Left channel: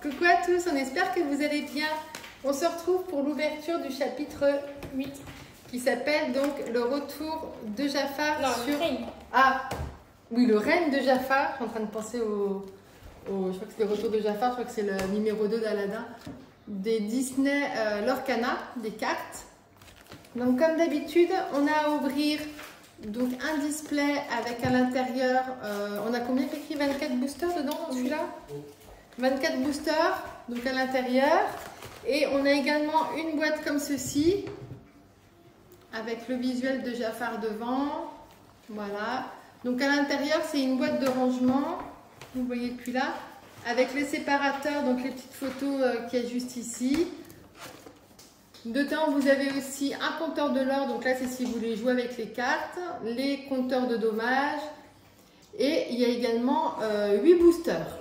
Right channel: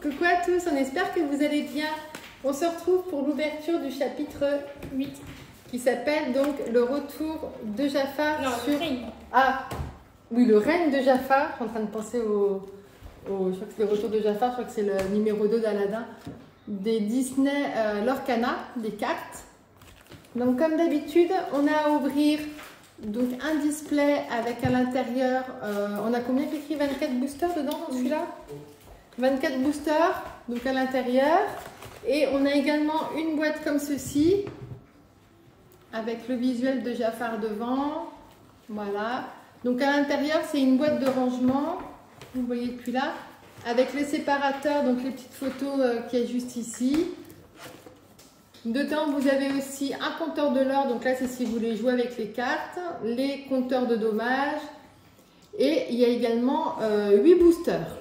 coucou à tous, on espère que vous allez bien. On se retrouve pour l'ouverture du chapitre 8 qui s'appelle donc le retour de Jafar sur... Ah, oui, le règne de Jafar. Je suis en train de penser je crois que c'est le retour de Jafar, je crois que c'est le numéro 2 d'Aladin, des Disney Lorcana, des cartes. Donc comme d'habitude, on a à ouvrir donc un display avec à l'intérieur, on a combien écrit 24 boosters dedans dans celui-là? 24 boosters, donc à l'intérieur. Et on a également une boîte comme ceci, avec le visuel de Jafar devant. Voilà. Donc à l'intérieur, c'est une boîte de rangement, vous voyez depuis là, avec les séparateurs, donc les petites photos qui est juste ici. Dedans, vous avez aussi un compteur de l'or, donc là c'est si vous voulez jouer avec les cartes, les compteurs de dommages, et il y a également 8 boosters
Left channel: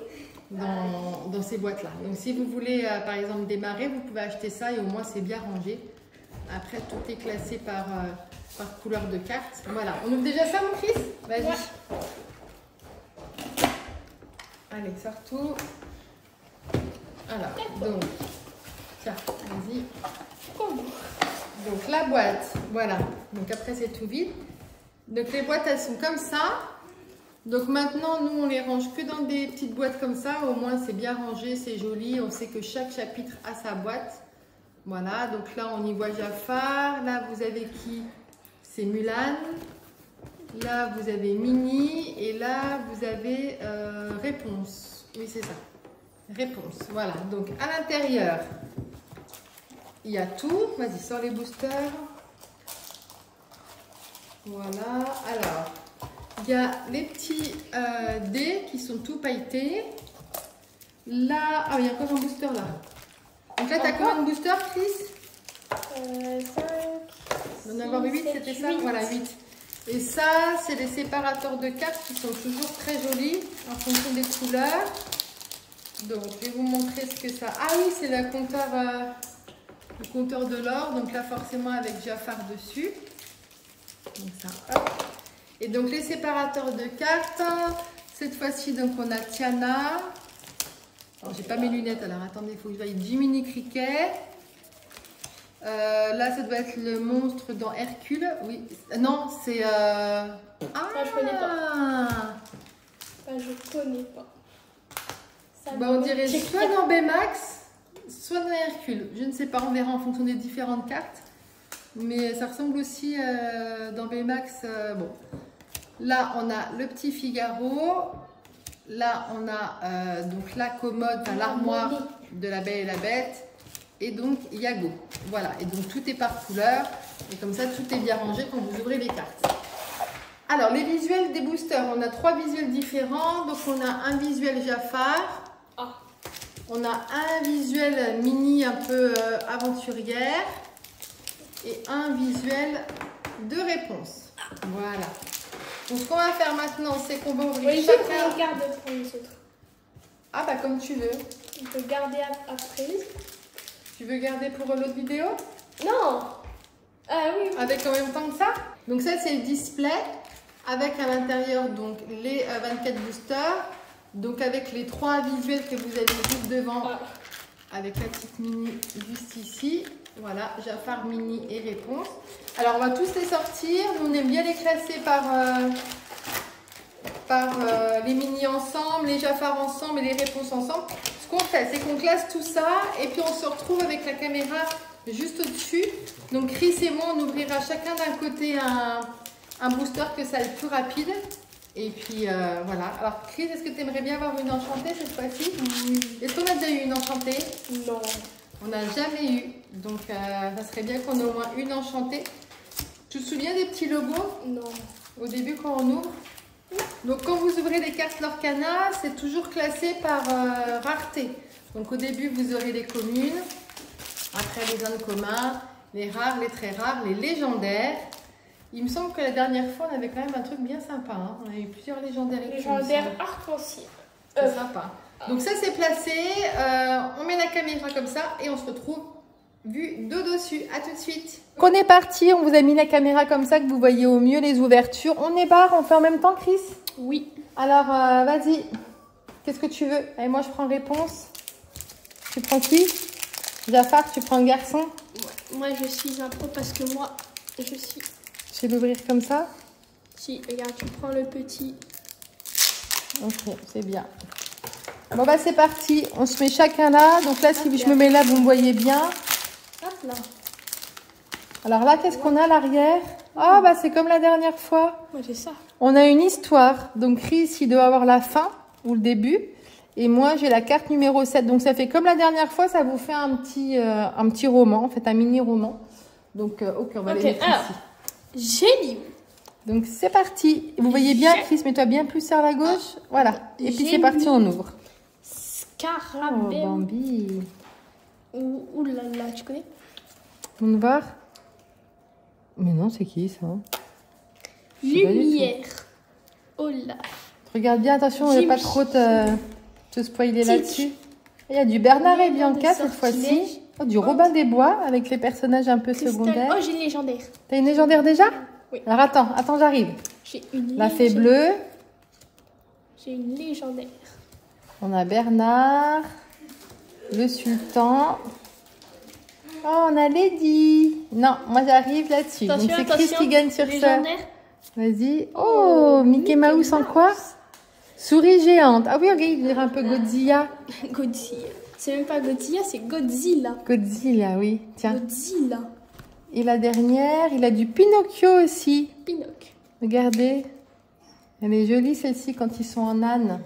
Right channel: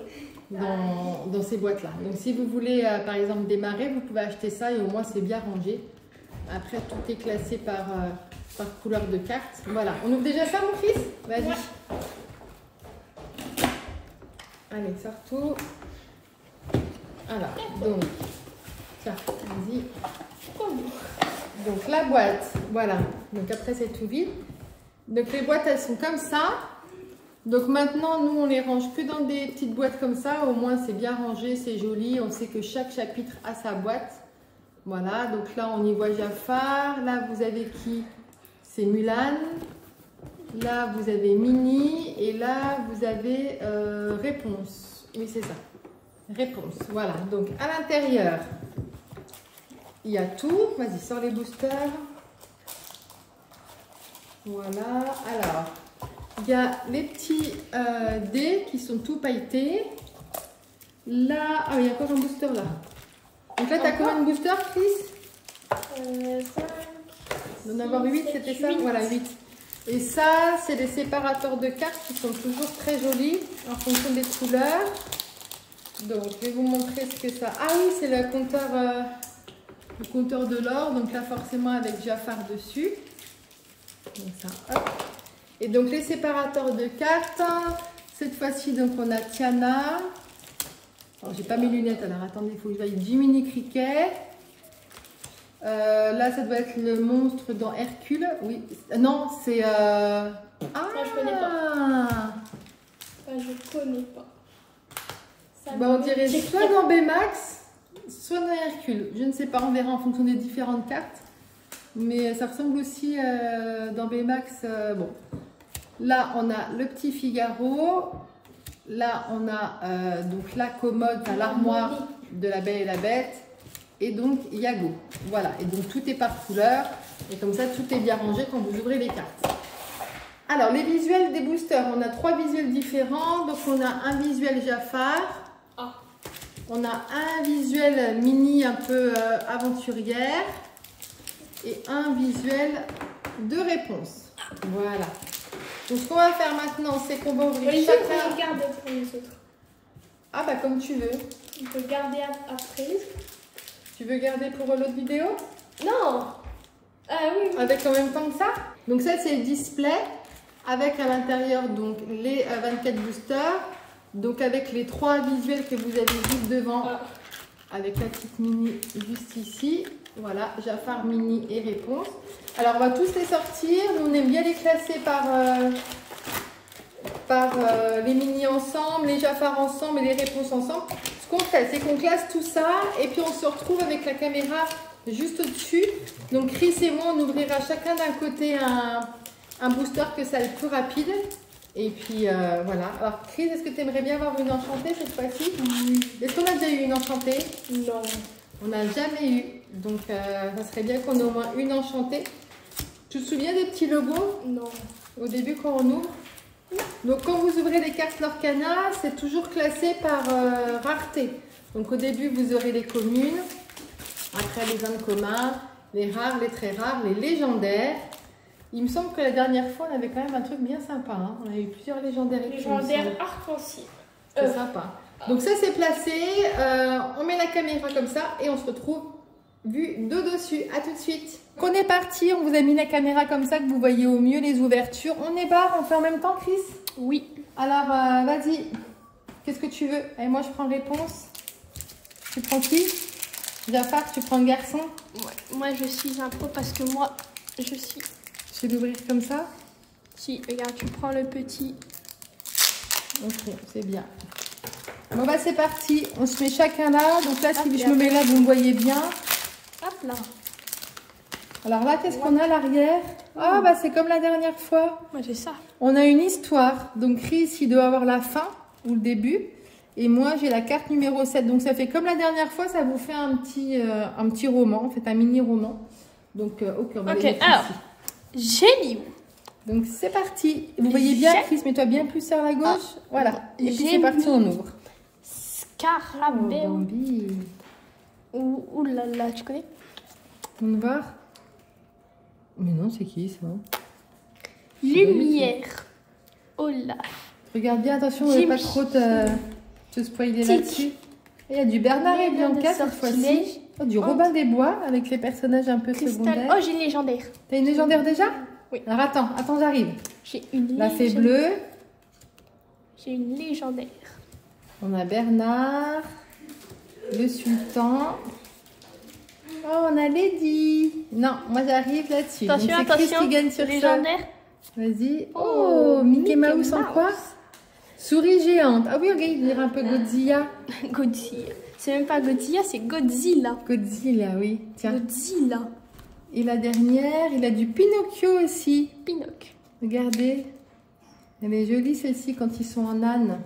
dans ces boîtes-là. Donc si vous voulez par exemple démarrer, vous pouvez acheter ça et au moins c'est bien rangé. Après tout est classé par couleur de carte. Voilà, on ouvre déjà ça mon fils? Vas-y. Ouais. Allez, sors tout. Alors, donc, tiens, vas-y. Donc la boîte, voilà. Donc après c'est tout vide. Donc les boîtes elles sont comme ça. Donc maintenant nous on les range que dans des petites boîtes comme ça. Au moins c'est bien rangé, c'est joli. On sait que chaque chapitre a sa boîte. Voilà. Donc là on y voit Jafar. Là vous avez qui? C'est Mulan. Là vous avez Minnie. Et là vous avez Réponse. Oui c'est ça. Réponse. Voilà. Donc à l'intérieur. Il y a tout. Vas-y, sors les boosters. Voilà. Alors, il y a les petits dés qui sont tout pailletés. Là, ah, il y a encore un booster là. Donc là, tu as combien de boosters, Chris? 5. Il en avoir 8, c'était ça? Voilà, 8. Et ça, c'est les séparateurs de cartes qui sont toujours très jolis en fonction des couleurs. Donc, je vais vous montrer ce que ça... Ah oui, c'est le compteur de l'or, donc là forcément avec Jafar dessus. Donc ça, hop. Et donc les séparateurs de cartes, cette fois-ci donc on a Tiana. Alors j'ai pas mes lunettes, alors attendez, il faut que je voie Jiminy Cricket. Là ça doit être le monstre dans Hercule. Oui, non c'est... Ah, ça je connais pas. Ça je connais pas. Ça bah, on dirait soit dans Baymax, soit dans Hercule, je ne sais pas, on verra en fonction des différentes cartes. Mais ça ressemble aussi dans Baymax. Bon, là on a le petit Figaro. Là on a donc la commode, enfin, l'armoire de la Belle et la Bête. Et donc Iago. Voilà, et donc tout est par couleur. Et comme ça tout est bien rangé quand vous ouvrez les cartes. Alors les visuels des boosters, on a 3 visuels différents. Donc on a un visuel Jafar. On a un visuel Minnie un peu aventurière et un visuel de Réponse. Voilà. Donc ce qu'on va faire maintenant, c'est qu'on va ouvrir chacun. On peut garder pour les autres. Ah bah comme tu veux. On peut garder après. Tu veux garder pour l'autre vidéo? Non. Ah oui. Avec en même temps que ça. Donc ça c'est le display avec à l'intérieur donc les 24 boosters. Donc avec les 3 visuels que vous avez juste devant, avec la petite Minnie juste ici, voilà, Jafar, Minnie et Réponse. Alors on va tous les sortir, nous on aime bien les classer par les Minnie ensemble, les Jafar ensemble et les Réponses ensemble. Ce qu'on fait, c'est qu'on classe tout ça et puis on se retrouve avec la caméra juste au-dessus. Donc Chris et moi, on ouvrira chacun d'un côté un booster que ça le plus rapide. Et puis voilà. Alors Chris, est-ce que tu aimerais bien avoir une enchantée cette fois-ci? Est-ce qu'on a déjà eu une enchantée? Non. On n'a jamais eu. Donc ça serait bien qu'on ait au moins une enchantée. Tu te souviens des petits logos? Non. Au début quand on ouvre? Donc quand vous ouvrez les cartes Lorcana, c'est toujours classé par rareté. Donc au début vous aurez les communes, après les incommuns, les rares, les très rares, les légendaires. Il me semble que la dernière fois, on avait quand même un truc bien sympa. Hein. On a eu plusieurs légendaires. Légendaire arc-en-ciel. C'est sympa. Donc ça, c'est placé. On met la caméra comme ça et on se retrouve vue de dessus. À tout de suite. On est parti. On vous a mis la caméra comme ça que vous voyez au mieux les ouvertures. On est barre. On fait en même temps, Chris? Oui. Alors, vas-y. Qu'est-ce que tu veux? Allez, moi, je prends Réponse. Tu prends qui? Jafar, tu prends un garçon? Ouais. Moi, je suis un pro parce que moi, je suis... Je vais l'ouvrir comme ça? Si, regarde, tu prends le petit. Ok, c'est bien. Bon bah c'est parti, on se met chacun là. Donc là, si je me mets là, vous me voyez bien. Hop là. Alors là, qu'est-ce qu'on a à l'arrière? Ah bah c'est comme la dernière fois. Ouais, c'est ça. On a une histoire. Donc Chris, il doit avoir la fin ou le début. Et moi, j'ai la carte numéro 7. Donc ça fait comme la dernière fois, ça vous fait un petit roman, en fait un mini-roman. Donc ok, on va les mettre alors, ici. Génie. Donc c'est parti. Vous voyez bien, Chris, mets-toi bien plus sur la gauche. Voilà. Et puis c'est parti, on ouvre. Scarabée. Oh, Bambi. Ouh là là, tu connais? On va voir. Mais non, c'est qui ça? Lumière. Oh là. Regarde bien, attention, on ne va pas trop te spoiler là-dessus. Il y a du Bernard et Bianca cette fois-ci. Oh, du Robin des Bois avec les personnages un peu secondaires. Oh, j'ai une légendaire. T'as une légendaire déjà? Oui. Alors attends, j'arrive. J'ai une La fée bleue. J'ai une légendaire. On a Bernard. Le sultan. Oh, on a Lady. Non, moi j'arrive là-dessus. Donc c'est Chris qui gagne sur ça. Vas-y. Oh, Mickey Mouse en quoi? Souris géante. Ah oui, ok, il dirait un peu Godzilla. Godzilla. C'est même pas Godzilla, c'est Godzilla. Godzilla, oui. Tiens. Godzilla. Et la dernière, il a du Pinocchio aussi. Pinocchio. Regardez. Elle est jolie celle-ci quand ils sont en âne.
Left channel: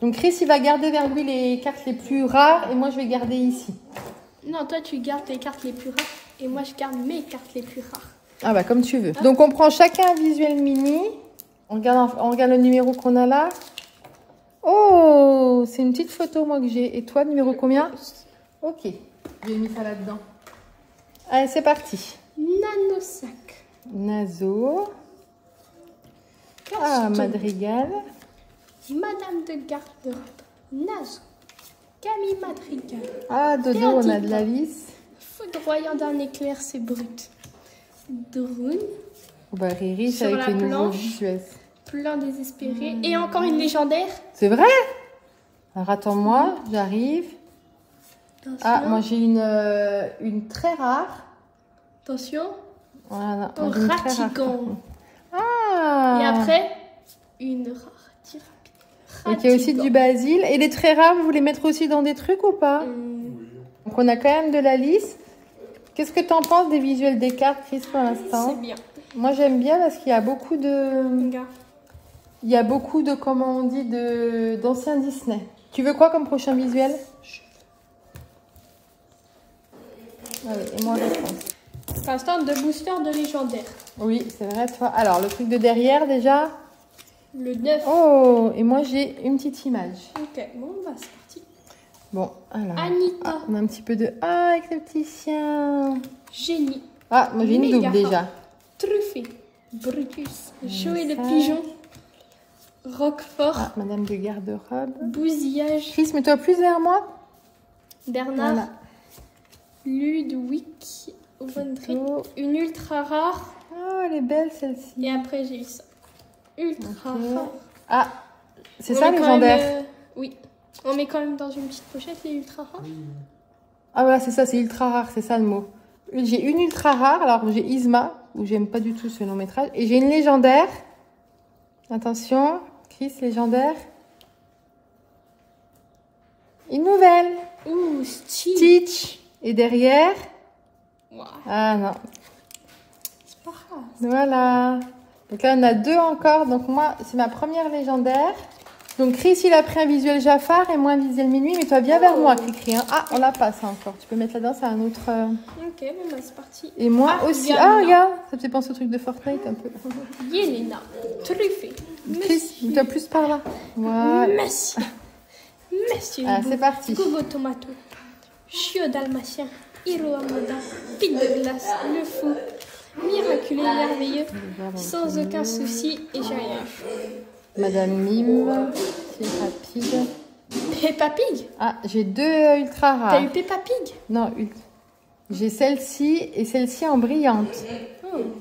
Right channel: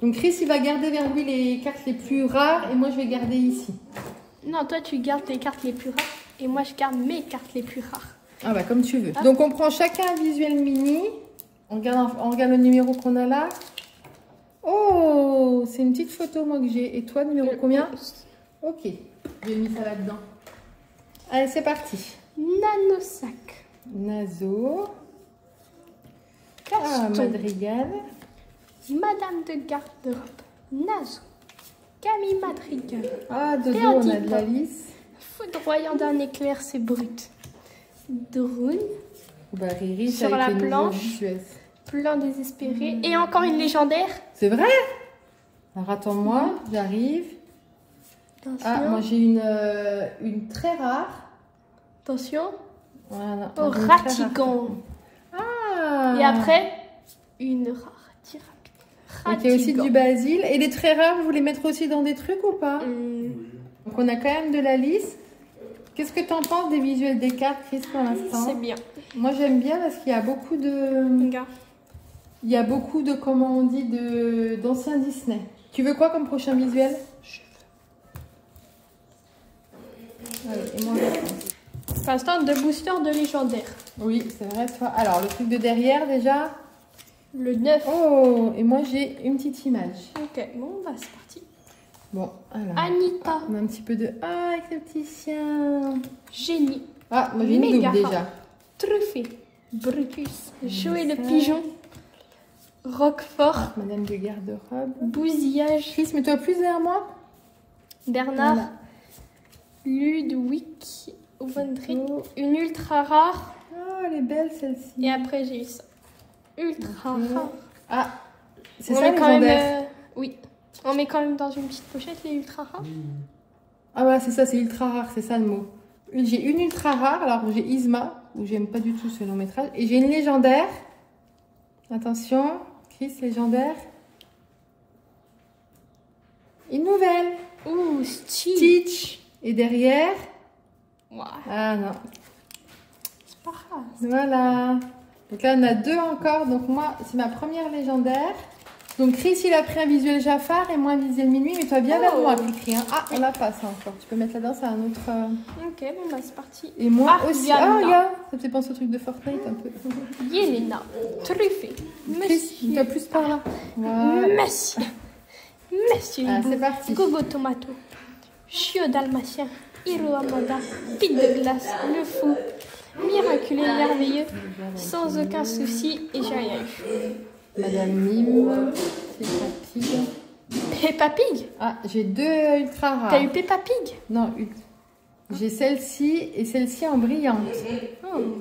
Donc Chris, il va garder vers lui les cartes les plus rares et moi je vais garder ici. Non, toi tu gardes les cartes les plus rares et moi je garde mes cartes les plus rares. Ah bah comme tu veux. Donc on prend chacun un visuel mini. On regarde le numéro qu'on a là. Oh, c'est une petite photo moi que j'ai. Et toi, numéro combien? Ok, j'ai mis ça là-dedans. Allez, c'est parti. Nanosac. Nazo. Ah, Madrigal. Madame de garde-robe. Nazo. Camille Madrigal. Ah, Dodo, on a de la lisse. Foudroyant d'un éclair, c'est brut. Drone. Bah, Riri, c'est avec les nouveaux visuels. Plein désespéré. Et encore une légendaire. C'est vrai? Alors attends-moi, j'arrive. Ah, moi j'ai une très rare. Attention. Voilà. Au Ratigan. Ah. Et après, une rare. Donc il y a aussi du basil. Et les très rares, vous voulez mettre aussi dans des trucs ou pas? Donc on a quand même de la lisse. Qu'est-ce que tu en penses des visuels des cartes, Chris, pour l'instant? C'est bien. Moi j'aime bien parce qu'il y a beaucoup de... Il y a beaucoup de, comment on dit, d'anciens Disney. Tu veux quoi comme prochain visuel? Ouais, et moi, pour l'instant, de booster de légendaire. Oui, c'est vrai, toi. Alors, le truc de derrière, déjà. Le 9. Oh, et moi, j'ai une petite image. Ok, bon, bah, c'est parti. Bon, alors. Anita. Ah, on a un petit peu de... Ah, avec le petit chien. Génie. Ah, moi, j'ai une double, déjà. Truffé. Brutus. Jouer le pigeon. Roquefort. Ah, Madame de garde-robe. Bousillage. Chris, mets-toi plus vers moi. Bernard. Voilà. Ludwig. Une ultra rare. Oh, elle est belle celle-ci. Et après, j'ai eu ça. Ultra rare. Ah, c'est ça légendaire. Oui. On met quand même dans une petite pochette les ultra rares. Ah, voilà, c'est ça, c'est ultra rare, c'est ça le mot. J'ai une ultra rare, alors j'ai Isma, où j'aime pas du tout ce long métrage. Et j'ai une légendaire. Attention. Chris, légendaire. Une nouvelle. Ouh, Stitch. Et derrière. Wow. Ah non. C'est pas grave. Voilà. Donc là, on a deux encore. Donc moi, c'est ma première légendaire. Donc Chris, il a pris un visuel Jafar et moi un visuel Minuit. Mais toi, viens vers moi, Cricri. Hein. Ah, on la passe encore. Tu peux mettre là-dedans, c'est un autre... Ok, bon bah c'est parti. Et moi aussi. Ah, regarde. Ça me fait penser au truc de Fortnite un peu. Yelena. Truffé. Chris, tu as plus par là. Voilà. Monsieur. Monsieur. Ah, c'est parti. Gogo Tomato. Chiot dalmatien. Hiro Amanda. Pite de glace. Le fou. Miraculeux, merveilleux. Sans aucun souci. Et j'ai rien eu. Madame Mime. Peppa Pig. Peppa Pig. Ah, j'ai deux ultra rares. T'as eu Peppa Pig? Non, j'ai celle-ci et celle-ci en brillante.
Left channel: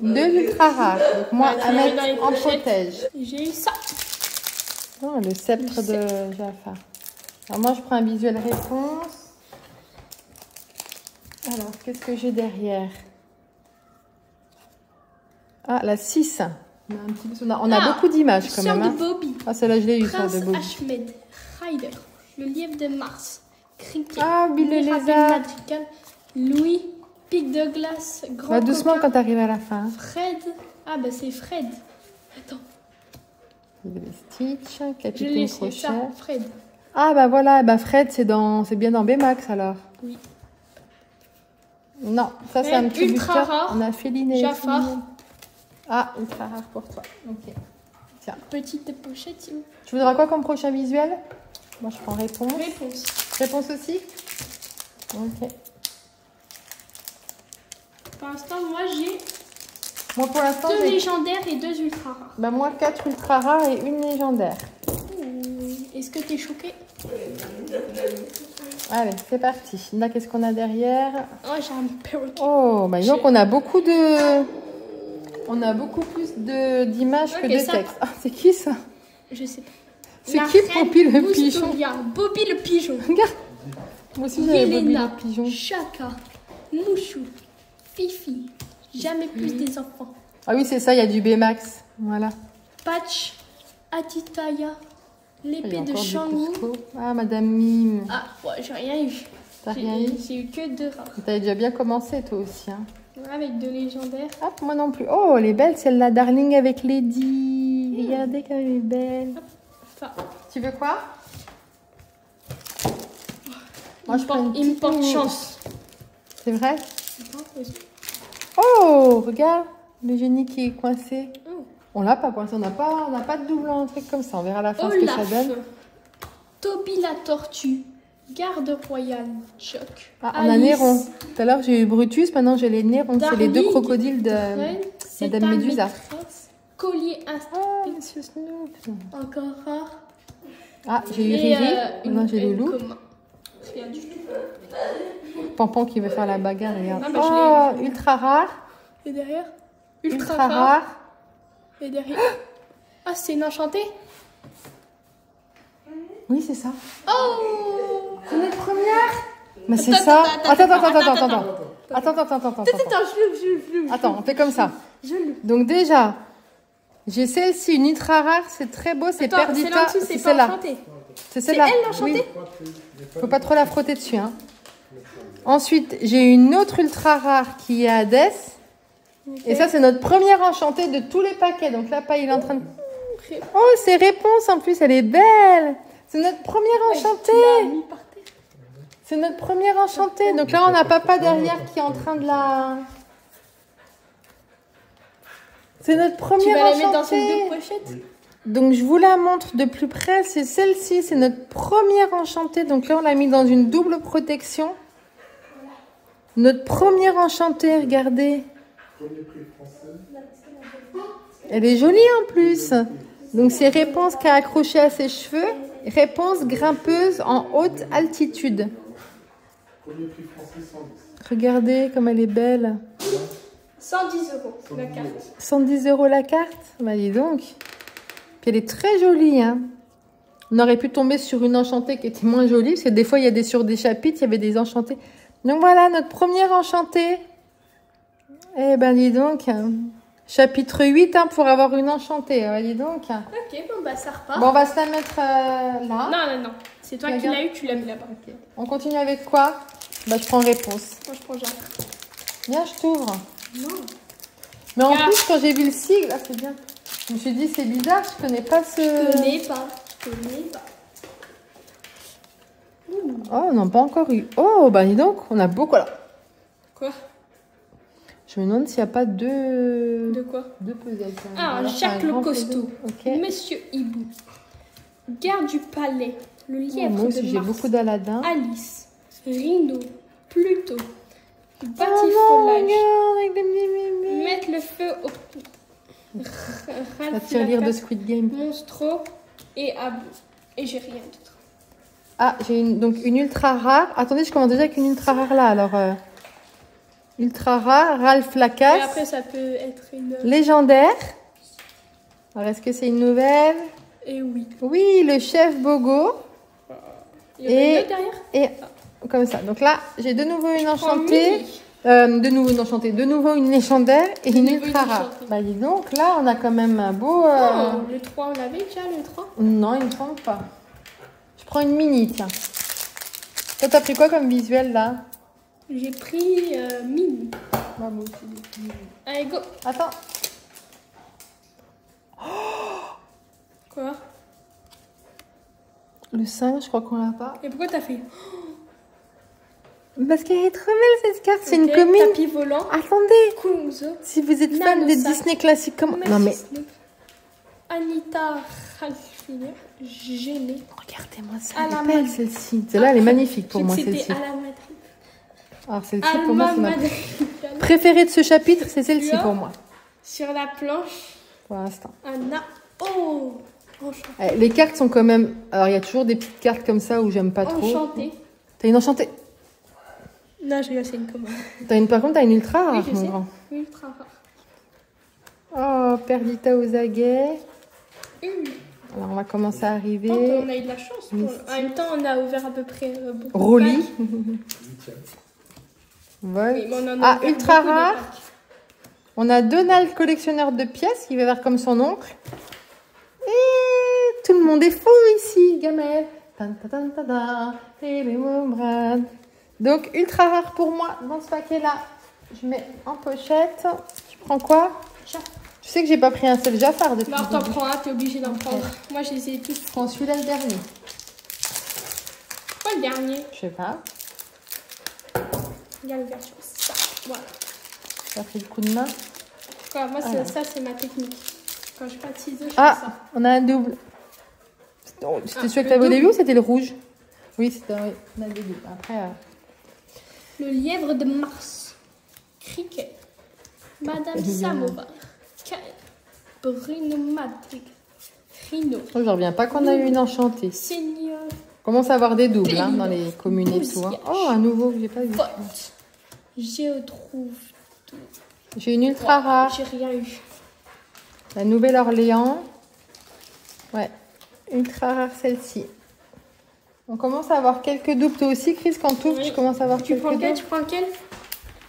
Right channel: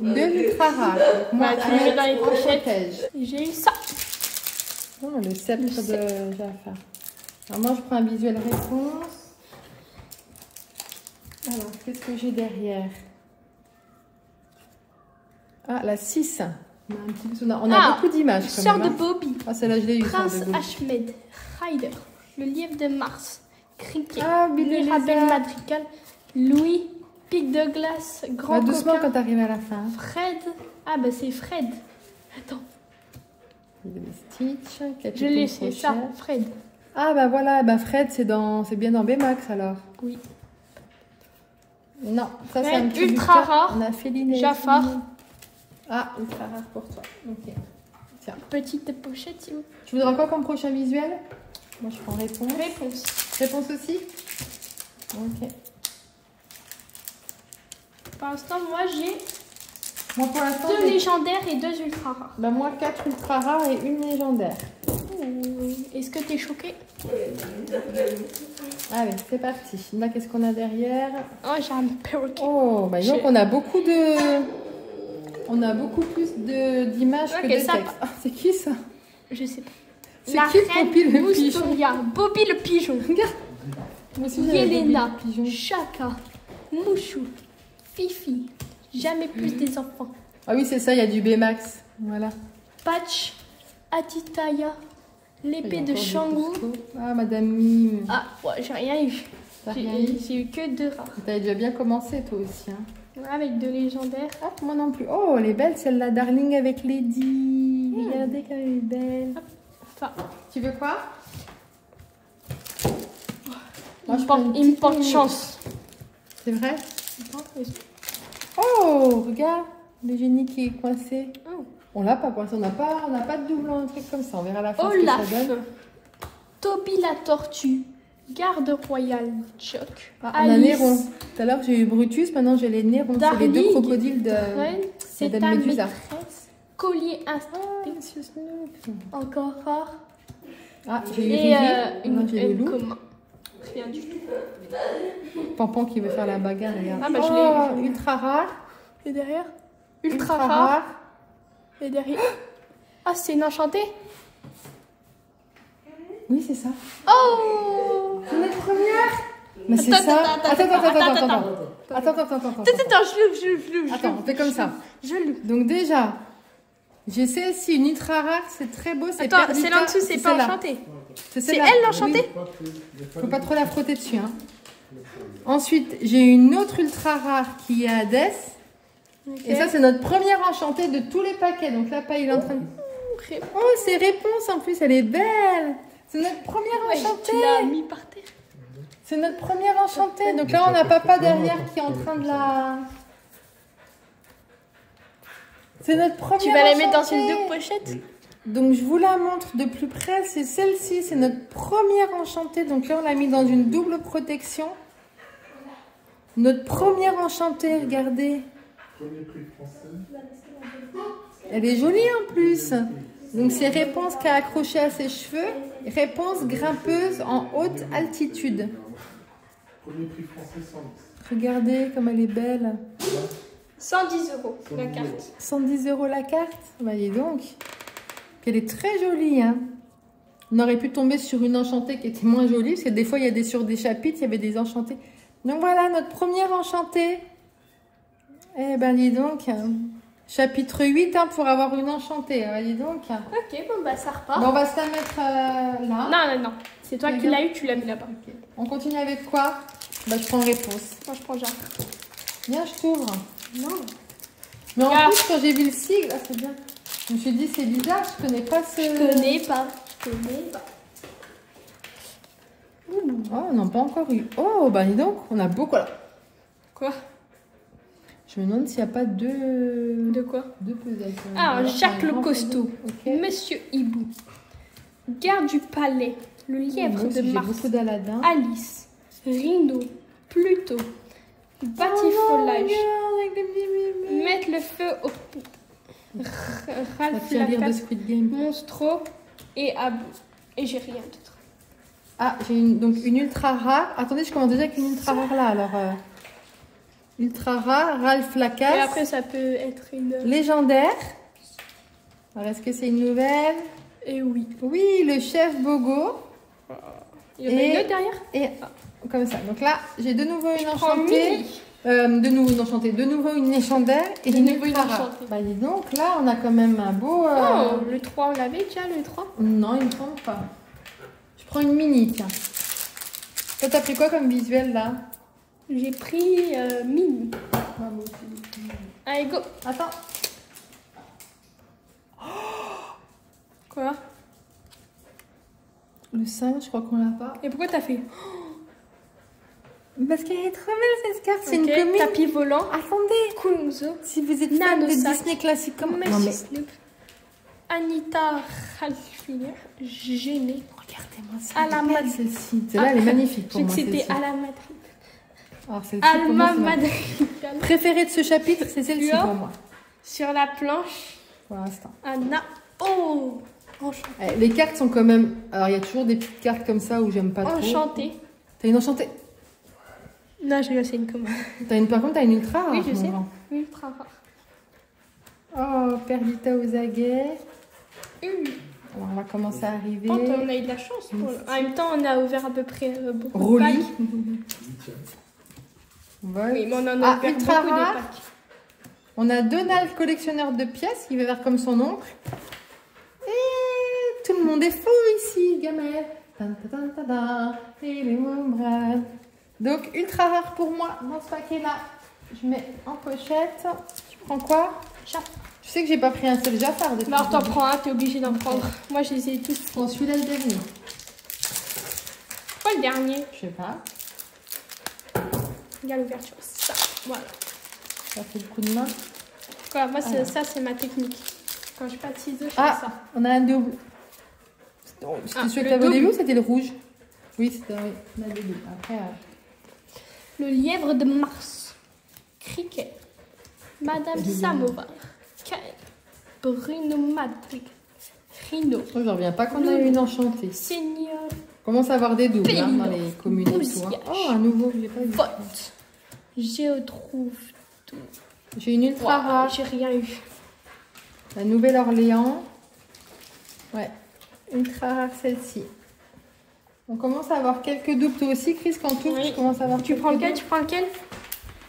Deux ultra rares. Donc moi, un en protège. J'ai eu ça. Oh, le sceptre de Jafar. Alors moi, je prends un visuel réponse. Alors, qu'est-ce que j'ai derrière? Ah, la 6. On a beaucoup d'images quand Sœur même. de Bobby. Ah, celle-là, je l'ai eu, Sœur Prince de Bobby. Ahmed. Ryder. Le lièvre de Mars. Cricket. Ah, Bill le Mirabelle lézard. Madrigal. Louis. Pic de glace. Grand Va doucement coquin. quand t'arrives à la fin. Fred. Ah, ben c'est Fred. Attends. Il y avait Stitch, Je Capitaine l'ai, c'est ça. Crochet. Fred. Ah, bah voilà, bah Fred, c'est bien dans Baymax alors. Oui. Non, ça c'est Ouais, un petit ultra booster. rare. On a Féline et Jafar. Féline. Ah, ultra rare pour toi. Ok. Tiens. Petite pochette, si vous. Tu voudras quoi comme prochain visuel? Moi, je prends réponse. Réponse. Réponse aussi? Ok. Pour l'instant, moi j'ai Moi, pour l'instant, 2 j'ai... légendaires et 2 ultra rares. Bah, moi, 4 ultra rares et une légendaire. Est-ce que t'es choquée? Allez, c'est parti. Là, qu'est-ce qu'on a derrière? Oh, j'ai un perroquet. Oh, bah donc on a beaucoup de... On a beaucoup plus d'images que Ok, de ça- texte. Ah, c'est qui ça? Je sais pas. C'est La qui reine Bobby le pigeon? Boustoria. Bobby le pigeon. Regarde. Moi aussi j'avais Bobby Yelena. le pigeon. Chaka. Mouchou. Fifi. Jamais plus des enfants. Ah oui, c'est ça, il y a du Baymax. Voilà. Patch. Atitaya. Il y L'épée a de encore des Shangou. cousteaux. Ah, Madame Mime. Ah, ouais, j'ai rien eu. T'as rien eu? J'ai eu que 2 rares. T'avais déjà bien commencé toi aussi. Hein. Avec 2 légendaires. Hop, moi non plus. Oh, elle est belle celle-là, Darling avec Lady. Regardez comme elle est belle. Enfin, Tu veux quoi? il me prends une porte petite mini. chance. C'est vrai? Oh, regarde, le génie qui est coincé. On l'a pas coincé, on n'a pas de double un truc comme ça. On verra à la fin ce que ça Olaf. donne. Toby la tortue. Garde royale. Chuck. Ah, on a Néron. Tout à l'heure j'ai eu Brutus, maintenant j'ai les Nérons. C'est les deux Darling. crocodiles de Fred, c'est Madame ta Médusa. maîtresse. Collier instinct. Ah, Monsieur Snoop. Encore rare. Ah, j'ai eu Et Riri. Maintenant j'ai une Loulou. commun. Rien du tout. Pampan qui veut faire la bagarre, regarde. Ah, bah, je l'ai eu. Ultra rare. Et derrière? Ultra rare. Et derrière? Ah, c'est une enchantée? Oui, c'est ça. Oh! On est première. Mais c'est ça. Attends. Attends, on fait comme ça. Donc déjà, j'ai celle-ci, une ultra rare, c'est très beau, c'est Perdita. C'est là-dessous, c'est pas celle-là. enchanté. C'est C'est celle-là. elle l'enchantée? Oui. Faut pas trop la frotter dessus. Hein. Ensuite, j'ai une autre ultra rare qui est Hades. Et ça, c'est notre première enchantée de tous les paquets. Donc là, il est en train de... Oh, c'est réponse en plus, elle est belle. C'est notre première enchantée. Tu l'as mis par terre. C'est notre première enchantée. Donc là, on a papa derrière qui est en train de la... C'est notre première Tu vas enchantée. les mettre dans ces 2 pochettes? Oui. Donc je vous la montre de plus près. C'est celle-ci, c'est notre première enchantée. Donc là, on l'a mis dans une double protection. Notre première enchantée, regardez. Premier prix français. Elle est jolie en plus. Donc c'est Réponse qui a accroché à ses cheveux. Réponse grimpeuse en haute altitude. Premier prix français 110. Regardez comme elle est belle. 110 € la carte. 110 € la carte. Bah dis donc. Puis elle est très jolie. Hein. On aurait pu tomber sur une enchantée qui était moins jolie. Parce que des fois, il y a sur des chapitres, il y avait des enchantés. Donc voilà, notre première enchantée. Eh ben dis donc. Chapitre 8 hein, pour avoir une enchantée. Dis donc. Ok, bon bah ça repart. Bon, on va se la mettre là. Non. C'est toi qui l'as eu, tu l'as mis là-bas. Ok. On continue avec quoi? Bah, je prends réponse. Moi, je prends Jacques. Viens, je t'ouvre. Non. Mais en Ah. plus, quand j'ai vu le sigle, ah, c'est bien. Je me suis dit, c'est bizarre, je connais pas ce... Je connais pas. Oh, on n'a pas encore eu. Oh, bah dis donc, on a beaucoup là. Quoi? Je me demande s'il n'y a pas deux... De quoi? Deux puzzles. Ah, Jacques le costaud. Ok. Monsieur Hibou. Garde du palais. Le lièvre Moi aussi, de j'ai Mars. beaucoup d'Aladin. Alice. Rhino. Pluto. Oh non, Batifolage. regarde, avec des bébés. Mettre le feu au... La Ralph tirelire de Lacasse, Squid Game. Monstro et Abou. Et j'ai rien d'autre. Ah, j'ai donc une ultra rare. Attendez, je commence déjà avec une ultra rare là. Alors, ultra rare, Ralph Et Lacasse. après, ça peut être une... Légendaire. Alors, est-ce que c'est une nouvelle? Et oui. Oui, le chef Bogo. Et derrière. Et comme ça. Donc là, j'ai de nouveau une enchantée. De nouveau une légendaire et une ultra rare. Bah dis donc, là on a quand même un beau... Le 3, on l'avait déjà le 3? Non, il me semble pas. Je prends une mini, tiens. Toi, t'as pris quoi comme visuel là? J'ai pris mini. Ah, bon, Allez, go. attends. Quoi? Le 5, je crois qu'on l'a pas. Et pourquoi t'as fait? Parce qu'elle est trop belle cette carte, c'est une commune. Tapis volant. Attendez, Kunzo. si vous êtes fan de Disney classique, comment... Non mais... Anita Radcliffe, gênée. Regardez-moi ça, elle est belle celle-ci. Celle-là, elle est magnifique pour moi celle-ci. C'était à la Madrid. Alors celle-ci pour moi, c'est ma préférée de ce chapitre, c'est celle-ci pour moi. Sur la planche. Pour l'instant. Anna. Oh, les cartes sont quand même... Alors il y a toujours des petites cartes comme ça où j'aime pas trop. Enchantée. T'as une enchantée? Non, je vais c'est une commune. Par contre, t'as une ultra rare, oui, je mon sais. grand. Ultra rare. Oh, Perdita aux aguets. Alors, on va commencer à arriver. Oh, on a eu de la chance. En même temps, on a ouvert à peu près beaucoup. Rolly. Voilà. Oui, mais on en a ultra rare. On a Donald, collectionneur de pièces, qui va faire comme son oncle. Et tout le monde est fou ici, Gamel. Donc, ultra rare pour moi dans ce paquet-là. Je mets en pochette. Tu prends quoi? Je sais que j'ai pas pris un seul Jafar depuis. Alors, t'en prends un, t'es obligé d'en prendre. Moi, je les ai tous. Je prends celui-là le dernier. Quoi le dernier? Je sais pas. Il y a l'ouverture. Voilà. Ça fait le coup de main. Voilà, moi, ça, c'est ma technique. Quand je pas de ciseaux, je fais Ah, ça. on a un double. C'était celui que tu avais au début ou c'était le rouge? Oui, c'était on a des doubles. Après. Le lièvre de Mars. Cricket. Madame Samora. Bruno Madrid. Rino. Je ne reviens pas qu'on a eu une enchantée. Seigneur. On commence à avoir des doubles hein, dans les communes et tout. Hein. Oh, un nouveau, j'ai pas vu. Géotrouve. J'ai une ultra rare. J'ai rien eu. La Nouvelle-Orléans. Ouais, ultra rare celle-ci. On commence à avoir quelques doubles. Toi aussi, Chris, quand tu ouvres, tu commences à avoir quelques doubles. Tu prends quel?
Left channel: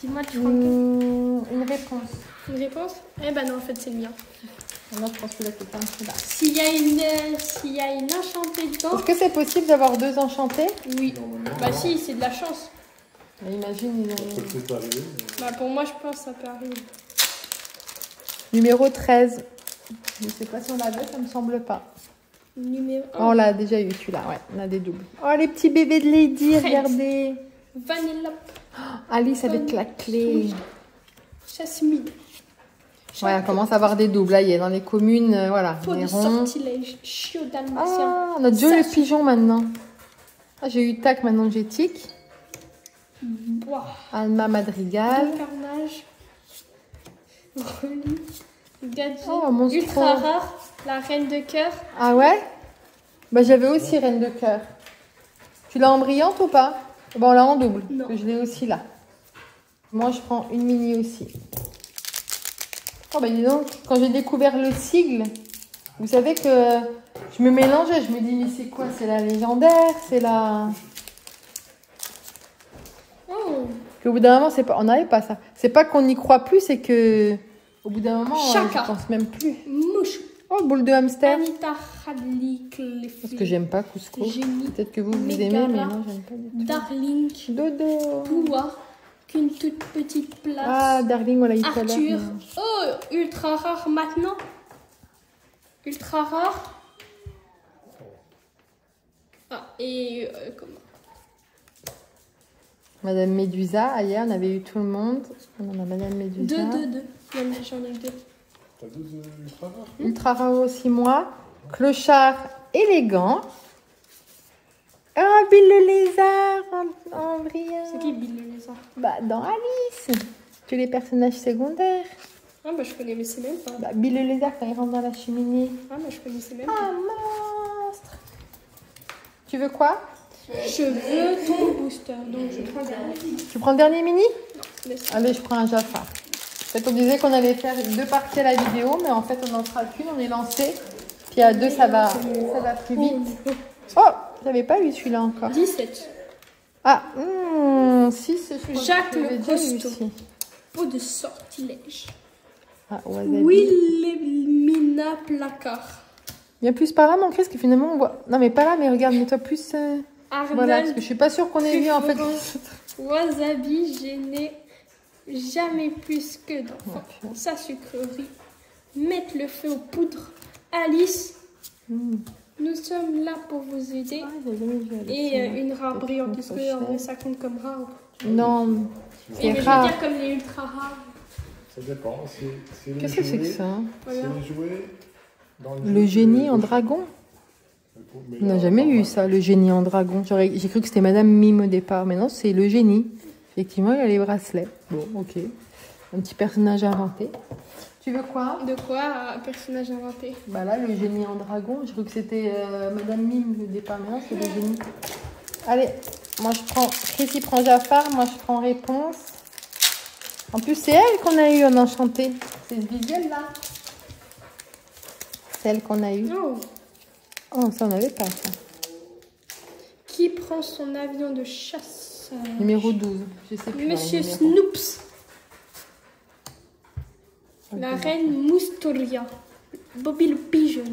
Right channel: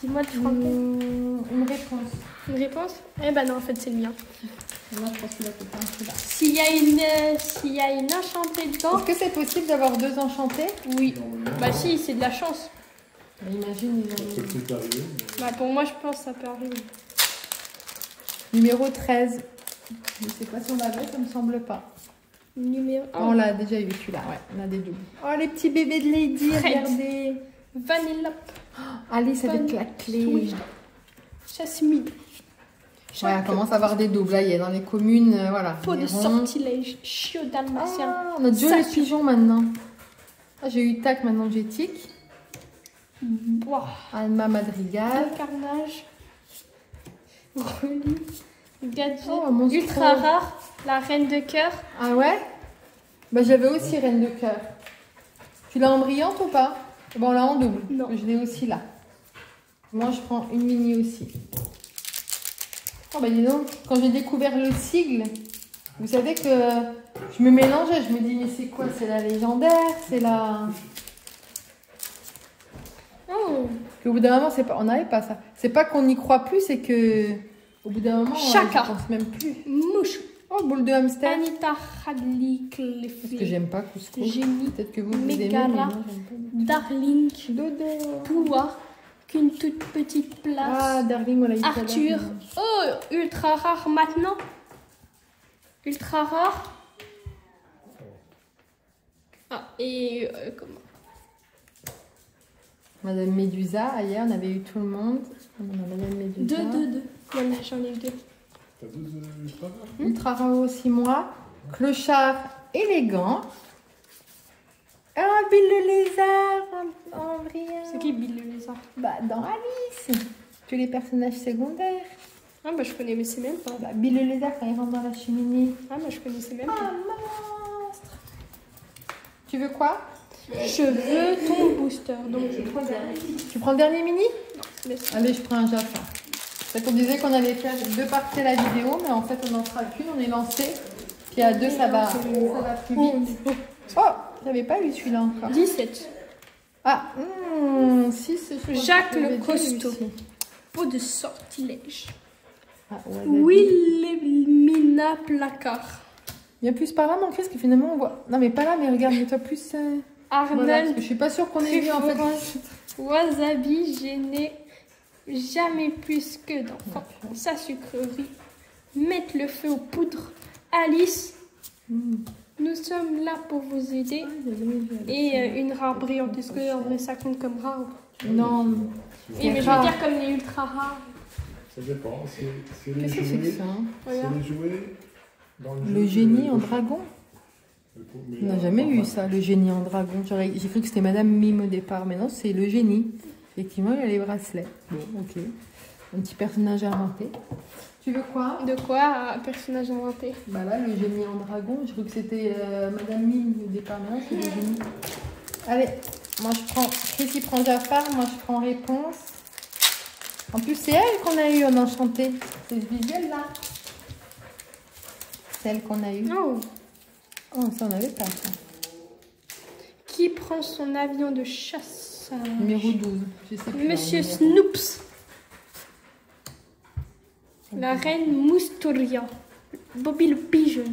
Dis-moi, tu prends quel? Une réponse. Une réponse? Eh ben non, en fait, c'est le mien. Moi, je pense que là, c'est pas celui-là. S'il y a une enchantée dedans. Est-ce que c'est possible d'avoir deux enchantés? Oui. Bah si, c'est de la chance. Mais imagine, Bah, pour moi, je pense que ça peut arriver. Numéro 13. Je ne sais pas si on l'avait, ça ne me semble pas. Numéro 1. On l'a déjà eu celui-là, ouais, on a des doubles. Oh, les petits bébés de Lady, regardez. Vanilla. Alice avec la clé. Jasmine. Ouais, on commence à avoir des doubles. Là, il y a dans les communes, voilà. Peau de sortilège. Chiot dalmatien. Ah, on a déjà le pigeon maintenant. Ah, j'ai eu tac, maintenant j'ai tic. Bois. Alma Madrigal. Carnage. Relis. Gadget. Oh, ultra rare. La reine de cœur. Ah ouais? Bah, j'avais aussi reine de cœur. Tu l'as en brillante ou pas? Bon, on l'a en double. Non. Je l'ai aussi là. Moi, je prends une mini aussi. Oh, bah dis donc, quand j'ai découvert le sigle, vous savez que je me mélangeais. Je me dis, mais c'est quoi? C'est la légendaire? C'est la... Oh. Qu'au bout d'un moment, c'est pas... on n'avait pas ça. C'est pas qu'on n'y croit plus, c'est que au bout d'un moment, on ne pense même plus. Mouche. Oh, boule de hamster. Anita Radcliffe. Parce que j'aime pas couscous. Génie. Peut-être que vous aimez, mais moi, j'aime pas. Darling. Dodo. Pouvoir. Qu'une toute petite place. Ah, Darling, on l'a eu tout à l'heure. Arthur. Oh, ultra rare maintenant. Ultra rare. Ah, et comment? Madame Médusa, hier, on avait eu tout le monde. On a Madame Médusa. Deux. J'en ai eu deux. T'as deux ultra rares? Ultra rare aussi, moi. Clochard élégant. Ah, Bill le lézard en brillant. C'est qui Bill le lézard? Bah, dans Alice. Tous les personnages secondaires. Ah, bah je connaissais même pas. Bah, Bill le lézard quand il rentre dans la cheminée. Ah, bah je connaissais même Ah, pas. monstre. Tu veux quoi? Je veux mon booster. Donc je prends le dernier. Tu prends le dernier mini? Laisse. Allez, je prends un Jafar. En fait, on disait qu'on allait faire 2 parties à la vidéo, mais en fait, on n'en fera qu'une. On est lancé. Puis à 2, ça va plus vite. Oh, J'avais pas eu celui-là encore. 17. Ah, 6. Jacques le Costaud. Peau de sortilège. Ah, ouais, Wilhelmina Placard. il y a plus par là, mon Chris, que finalement on voit. Non, mais pas là, mais regarde, mets-toi plus. Arnold. Voilà, parce que je suis pas sûre qu'on ait vu en fait. Wasabi, gêné. Jamais plus que d'enfants. Sa sucrerie. Mettre le feu aux poudres. Alice. Nous sommes là pour vous aider. Et une rare brillante. Est-ce que ça compte comme rare? Non, Et mais je veux dire comme les ultra rares. Ça dépend. C'est les qu'est-ce que c'est que jouets. ça? C'est les jouets. Dans Le jeu, génie en dragon? Mais On n'a là, jamais eu ça, le génie en dragon. J'ai cru que c'était Madame Mime au départ, mais non, c'est le génie. Effectivement, il a les bracelets. Bon, ok. Un petit personnage inventé. Tu veux quoi? De quoi un personnage inventé? Bah là, le génie en dragon. J'ai cru que c'était Madame Mime au départ, mais non, c'est le génie. Allez, moi je prends. Chris il prend Jafar, moi je prends Réponse. En plus, c'est elle qu'on a eu en enchanté. C'est ce visuel là. C'est elle qu'on a eu. Oh. Oh, ça on n'avait pas ça. Qui prend son avion de chasse? Numéro 12. Je sais plus. Monsieur Snoops. La reine Moustoria. Bobby le pigeon.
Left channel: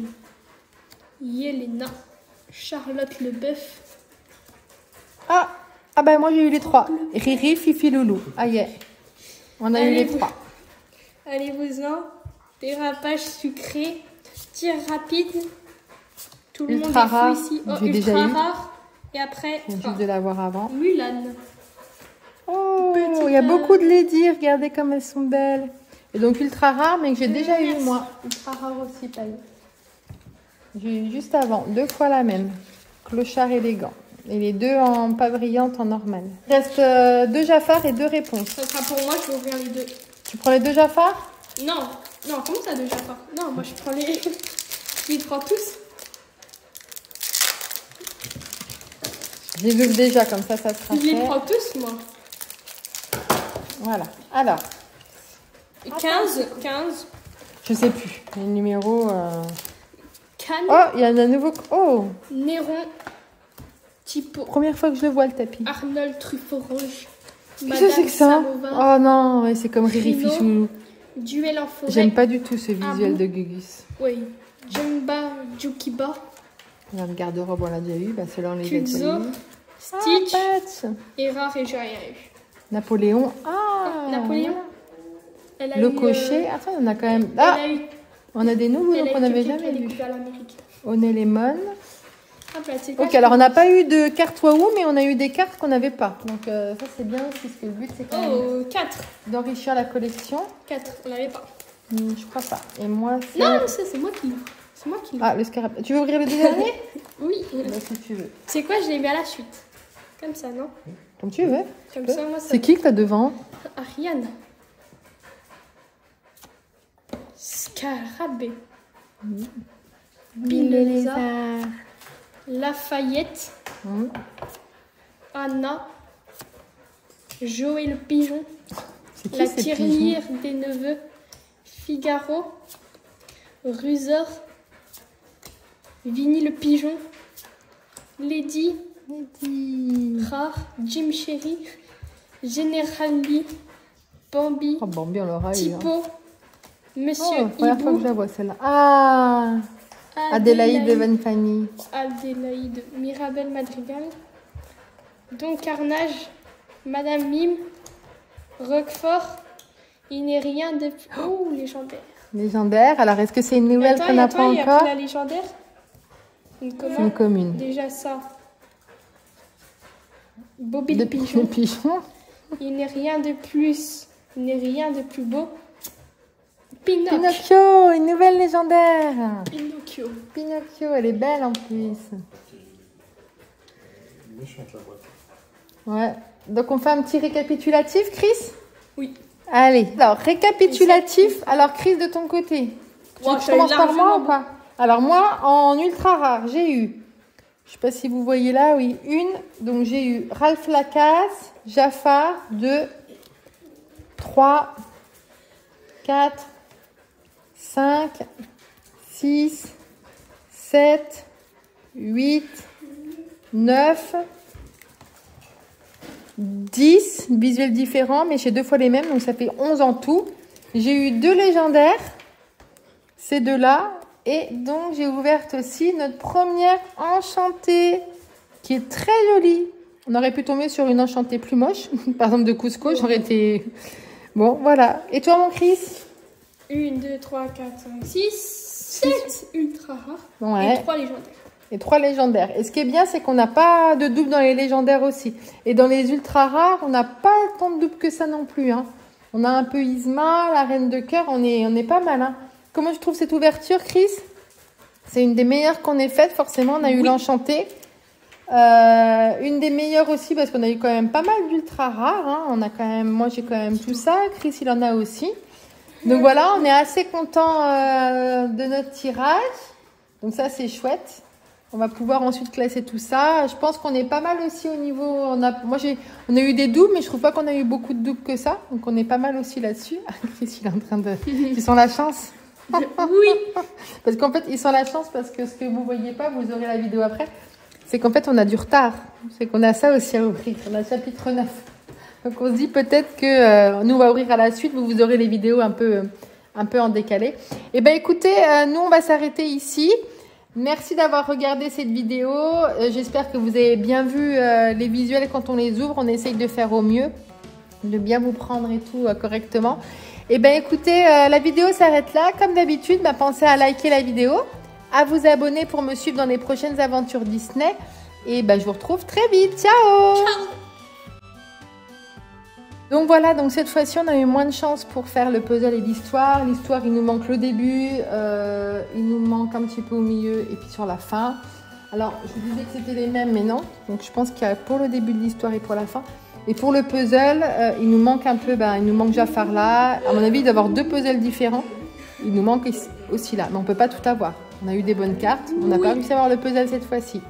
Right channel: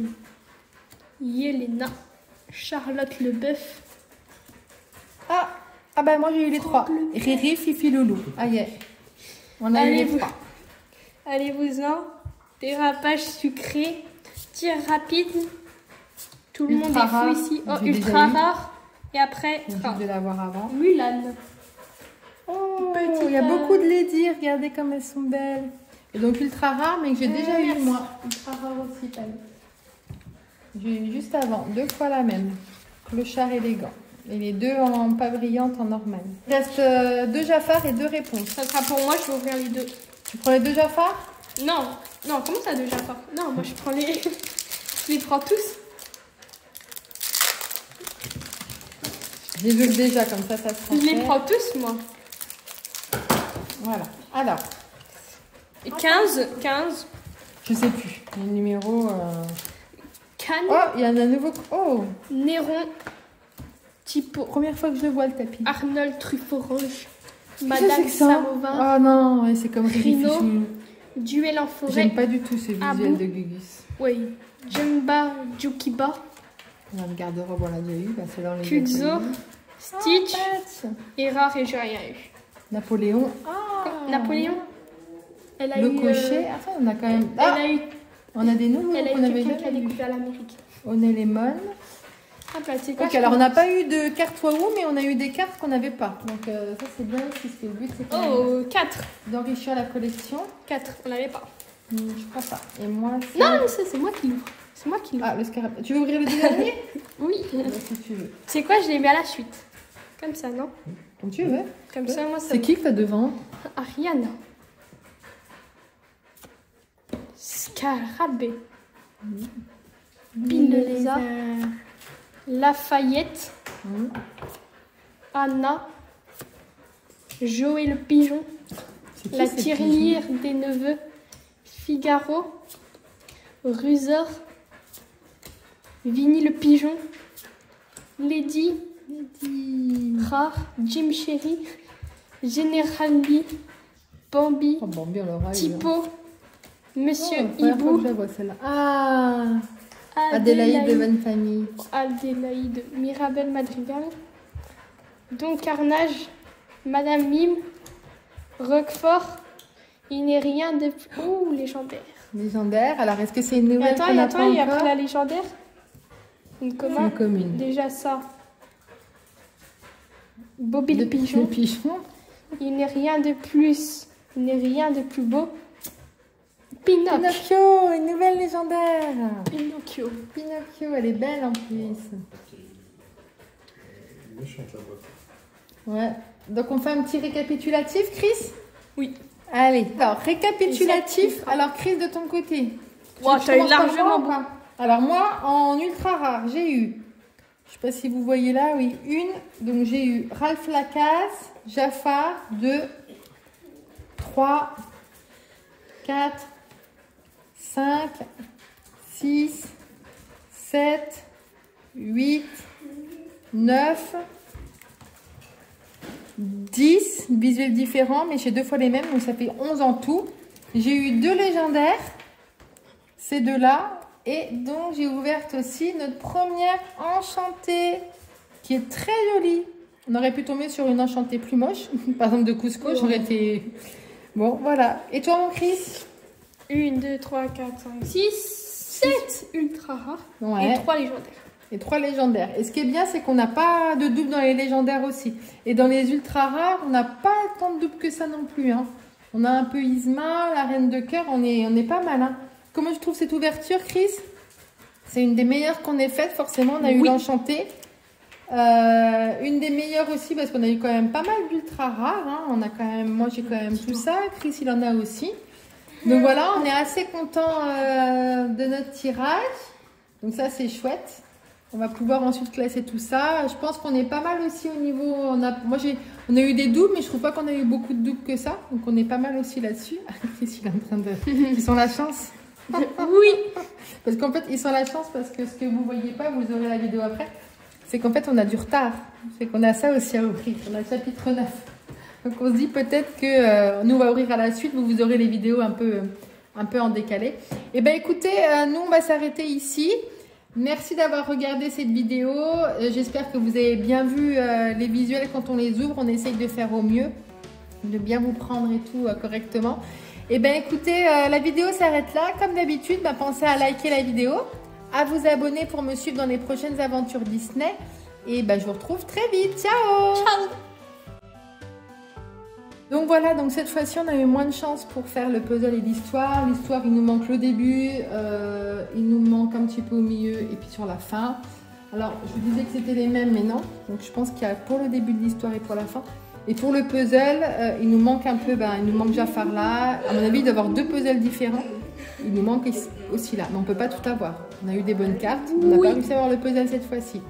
Yelena. Charlotte le bœuf. Ah bah moi j'ai eu les 3. Riri, Fifi, Loulou. Ah yeah. On a eu les 3. Allez-vous-en. Dérapage sucré. Tir rapide. Tout le Ultra monde est rare. fou ici. Oh, J'ai déjà ultra eu. rare. Et après, Je viens juste de l'avoir avant. Mulan. Oh, Petit il y a âne. beaucoup de lady. Regardez comme elles sont belles. Et donc ultra rare, mais que j'ai déjà eu moi. Ultra rare aussi, pareil. J'ai eu juste avant. 2 fois la même. Clochard élégant. Et les 2 en pas brillante en normal. Il reste 2 Jafar et 2 réponses. Ça sera pour moi, je vais ouvrir les 2. Tu prends les 2 Jafar? Non, non, comment ça déjà pas? Non, moi je prends les... Je les prends tous. Je les ouvre déjà, comme ça sera Je les fait. prends tous, moi. Voilà. Alors, Et 15, 15. je sais plus. Les numéros... Cannes, Oh, il y en a un nouveau... Oh, Néron, Tipo, première fois que je le vois, le tapis. Arnold Truffaut-Roche, Qu'est-ce que c'est que ça? Saint-Mauvin, Oh non, ouais, c'est comme Riri Rhino. Fichou. Duel en forêt. J'aime pas du tout ce visuel Abou. de Gugus. Oui. Jumba, Jukiba, Dans le garde-robe, on l'a déjà eu. Bah, c'est là, on les a Kuzo, déjà eu. Stitch, Patch. Erard et Joya. Napoléon. Ah, Napoléon. Elle a Le eu, cocher. Attends, on a quand même... Elle Ah, a eu, on a des nouveaux elle a qu'on eu avait quelqu'un qui a jamais vus. découvert l'Amérique. Onélémon. Hop là, c'est quoi, Ok, je alors on pense- n'a pas eu de carte Wahoo, mais on a eu des cartes qu'on n'avait pas. Donc ça c'est bien, puisque le but c'est quand même Oh, 4. d'enrichir la collection. 4, on n'avait pas. Je crois pas. Et moi c'est... Non, ça c'est moi qui l'ai. C'est moi qui l'ai. Ah, le scarabée. Tu veux ouvrir le dernier? Oui. Si tu veux. C'est quoi, je l'ai mis à la suite. Comme ça, non? Comme tu veux. Comme ça, moi, C'est qui que t'as devant? Ariane. Scarabée. Pinelza. Lafayette. Anna. Joël le pigeon. C'est qui La ces tirelire pigeons? des neveux. Figaro. Rusor. Vinny le pigeon. Lady. Rare. Jim Sherry. Général Lee. Bambi. Oh bon, bien on l'aura eu. Hein. Tipo. Monsieur Oh, première fois que je Hibou. la vois celle-là. Ah, Adélaïde de Van Fanny. Adélaïde. Mirabel Madrigal. Don Carnage. Madame Mime. Roquefort. Il n'est rien de plus... Oh, légendaire. Légendaire. Alors est-ce que c'est une Et nouvelle attends, qu'on n'a pas il y a encore? pas la légendaire. Une C'est une commande. commune. Déjà ça. Bobby le Le pigeon. pigeon. Il n'est rien de plus. Il n'est rien de plus beau. Pinocchio. Pinocchio, une nouvelle légendaire. Pinocchio. Pinocchio, elle est belle en plus. Méchante la boîte. Ouais. Donc on fait un petit récapitulatif, Chris? Oui. Allez. Alors, récapitulatif. Alors, Chris, de ton côté. Wow, Tu t'as eu commences par largement moi ou pas? Alors, moi, en ultra rare, j'ai eu... Je sais pas si vous voyez là, oui. Donc, j'ai eu Ralph Lacasse, Jafar, 2, 3, 4, 5, 6, 7, 8, 9, 10 visuels différents, mais j'ai 2 fois les mêmes, donc ça fait 11 en tout. J'ai eu 2 légendaires, ces deux-là, et donc j'ai ouvert aussi notre première enchantée, qui est très jolie. On aurait pu tomber sur une enchantée plus moche, par exemple de Cusco, j'aurais été... Bon, voilà. Et toi, mon Chris? 1, 2, 3, 4, 5, 6, 7 ultra rares ouais. Et 3 légendaires. Et 3 légendaires. Et ce qui est bien, c'est qu'on n'a pas de double dans les légendaires aussi. Et dans les ultra rares, on n'a pas tant de doubles que ça non plus. Hein. On a un peu Yzma, la reine de cœur, on est pas mal. Hein. Comment je trouve cette ouverture, Chris? C'est une des meilleures qu'on ait faites, forcément. On a eu l'enchantée. Une des meilleures aussi, parce qu'on a eu quand même pas mal d'ultra rares. Hein. On a quand même, moi, j'ai quand même tout ça. Chris, il en a aussi. Donc voilà, on est assez content de notre tirage. Donc ça, c'est chouette. On va pouvoir ensuite classer tout ça. Je pense qu'on est pas mal aussi au niveau... on a eu des doubles, mais je trouve pas qu'on a eu beaucoup de doubles que ça. Donc on est pas mal aussi là-dessus. Chris, il est en train de... Ils sont la chance. Oui. Parce qu'en fait, ils sont la chance parce que ce que vous voyez pas, vous aurez la vidéo après. C'est qu'en fait, on a du retard. C'est qu'on a ça aussi à ouvrir. On a le chapitre 9. Donc on se dit peut-être que nous, on va ouvrir à la suite. Vous aurez les vidéos un peu en décalé. Et ben écoutez, nous, on va s'arrêter ici. Merci d'avoir regardé cette vidéo. J'espère que vous avez bien vu les visuels quand on les ouvre. On essaye de faire au mieux, de bien vous prendre et tout correctement. Et ben écoutez, la vidéo s'arrête là. Comme d'habitude, pensez à liker la vidéo, à vous abonner pour me suivre dans les prochaines aventures Disney. Et je vous retrouve très vite. Ciao! Ciao! Donc voilà, donc cette fois-ci, on a eu moins de chance pour faire le puzzle et l'histoire. L'histoire, il nous manque le début, il nous manque un petit peu au milieu et puis sur la fin. Alors, je vous disais que c'était les mêmes, mais non. Donc je pense qu'il y a pour le début de l'histoire et pour la fin. Et pour le puzzle, il nous manque un peu, il nous manque Jafar là. À mon avis, il doit y avoir 2 puzzles différents. Il nous manque aussi là, mais on ne peut pas tout avoir. On a eu des bonnes cartes, on n'a pas réussi à avoir le puzzle cette fois-ci.